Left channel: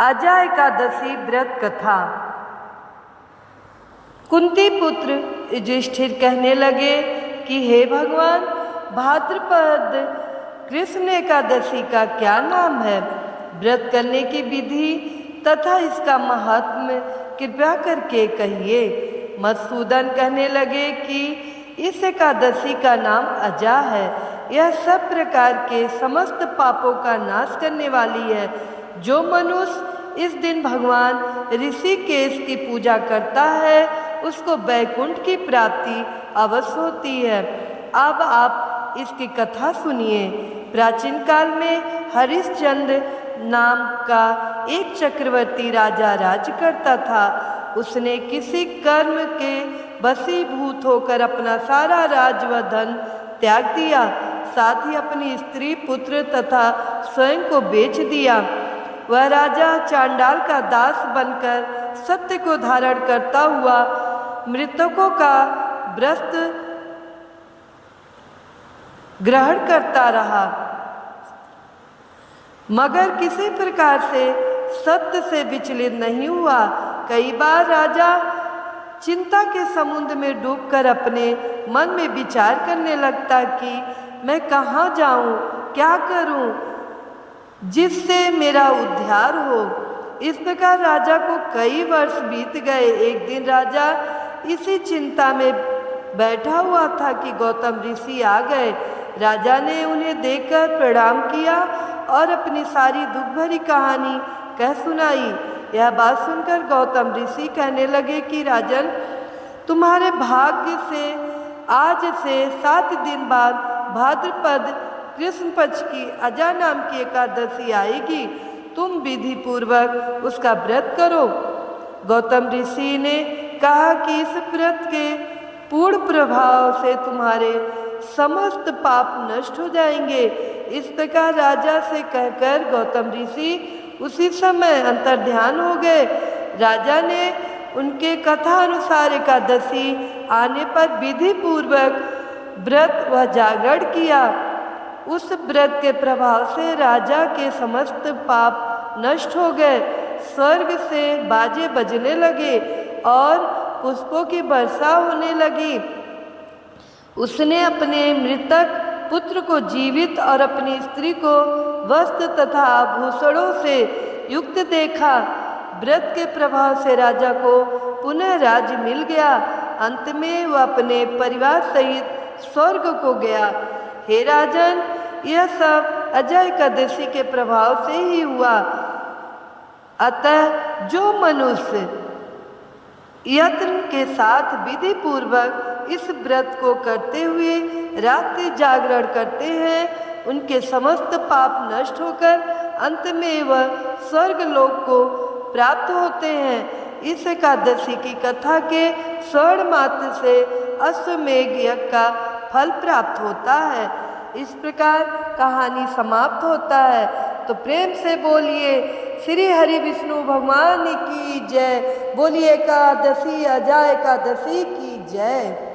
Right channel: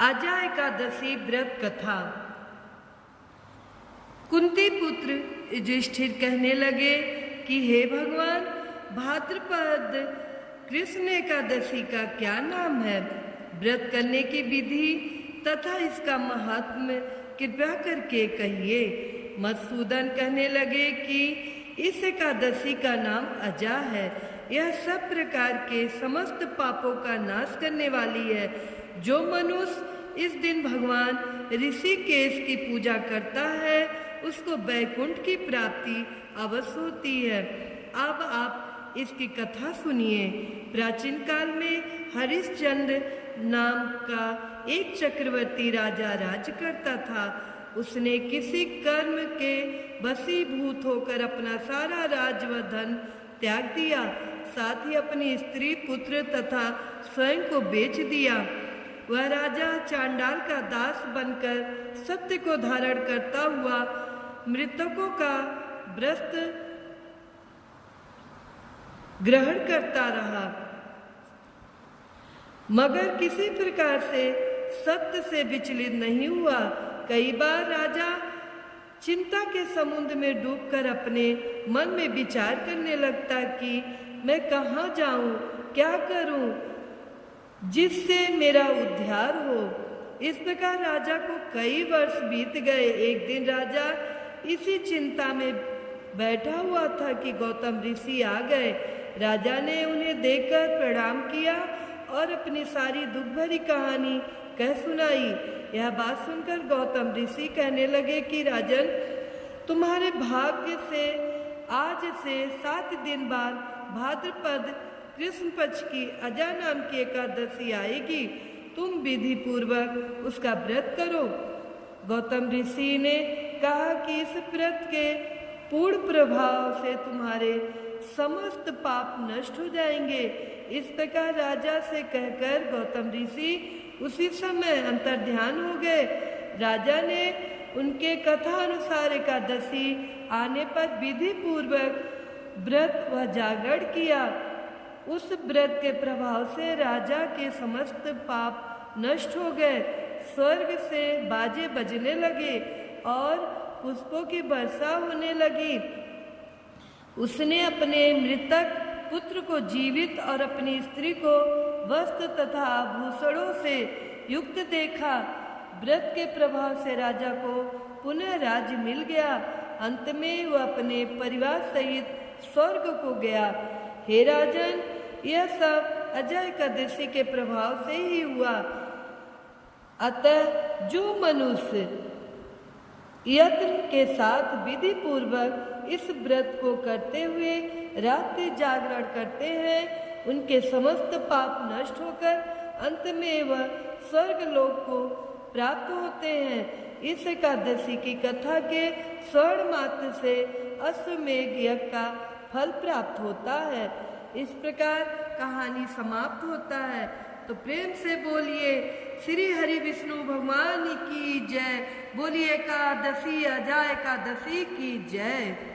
अजा एकादशी व्रत कथा। कुंती पुत्र युधिष्ठिर कहने लगे कि हे भगवान, भाद्रपद कृष्ण एकादशी का क्या नाम है? व्रत करने की विधि तथा इसका महात्म्य कृपया करके कहिए। मधुसूदन कहने लगे कि इस एकादशी का नाम अजा है। यह सब प्रकार के समस्त पापों का नाश करने वाली है। जो मनुष्य इस दिन भगवान ऋषिकेश की पूजा करता है उसको वैकुंठ की प्राप्ति अवश्य होती है। अब आप इसकी कथा सुनिए। प्राचीन काल में हरिश्चंद्र नाम का एक चक्रवर्ती राजा राज्य करता था। उसने किसी कर्म के वशीभूत होकर अपना सारा राज्य व धन त्याग दिया, साथ ही अपनी स्त्री, पुत्र तथा स्वयं को बेच दिया। वह राजा चांडाल का दास बनकर सत्य को धारण करता हुआ मृतकों का व्रत ग्रहण करता रहा, मगर किसी प्रकार से सत्य से विचलित नहीं हुआ। कई बार राजा चिंता के समुद्र में डूबकर अपने मन में विचार करने लगता कि मैं कहाँ जाऊं, क्या करूं जिससे मेरा उद्धार हो। इस प्रकार राजा को कई वर्ष बीत गए। एक दिन राजा इसी चिंता में बैठा हुआ था कि गौतम ऋषि आ गए। राजा ने उन्हें देखकर प्रणाम किया और अपनी सारी दुख भरी कहानी कह सुनाई। यह बात सुनकर गौतम ऋषि कहने लगे कि राजन, तुम्हारे भाग्य से आज से 7 दिन बाद भाद्रपद कृष्ण पक्ष की अजा नाम की एकादशी आएगी। तुम विधि पूर्वक उसका व्रत करो। गौतम ऋषि ने कहा कि इस व्रत के पूर्ण प्रभाव से तुम्हारे समस्त पाप नष्ट हो जाएंगे। इस प्रकार राजा से कहकर गौतम ऋषि उसी समय अंतर्ध्यान हो गए। राजा ने उनके कथा अनुसार एकादशी आने पर विधि पूर्वक व्रत व जागरण किया। उस व्रत के प्रभाव से राजा के समस्त पाप नष्ट हो गए। स्वर्ग से बाजे बजने लगे और पुष्पों की वर्षा होने लगी। उसने अपने मृतक पुत्र को जीवित और अपनी स्त्री को वस्त्र तथा आभूषणों से युक्त देखा। व्रत के प्रभाव से राजा को पुनः राज्य मिल गया। अंत में वह अपने परिवार सहित स्वर्ग को गया। हे राजन, यह सब अजा एकादशी के प्रभाव से ही हुआ। अतः जो मनुष्य यत्न के साथ विधि पूर्वक इस व्रत को करते हुए रात्रि जागरण करते हैं, उनके समस्त पाप नष्ट होकर अंत में वह स्वर्ग लोक को प्राप्त होते हैं। इस एकादशी की कथा के श्रवण मात्र से अश्वमेघ यज्ञ का फल प्राप्त होता है। इस प्रकार कहानी समाप्त होता है। तो प्रेम से बोलिए श्री हरि विष्णु भगवान की जय। बोलिए एकादशी अजा एकादशी की जय।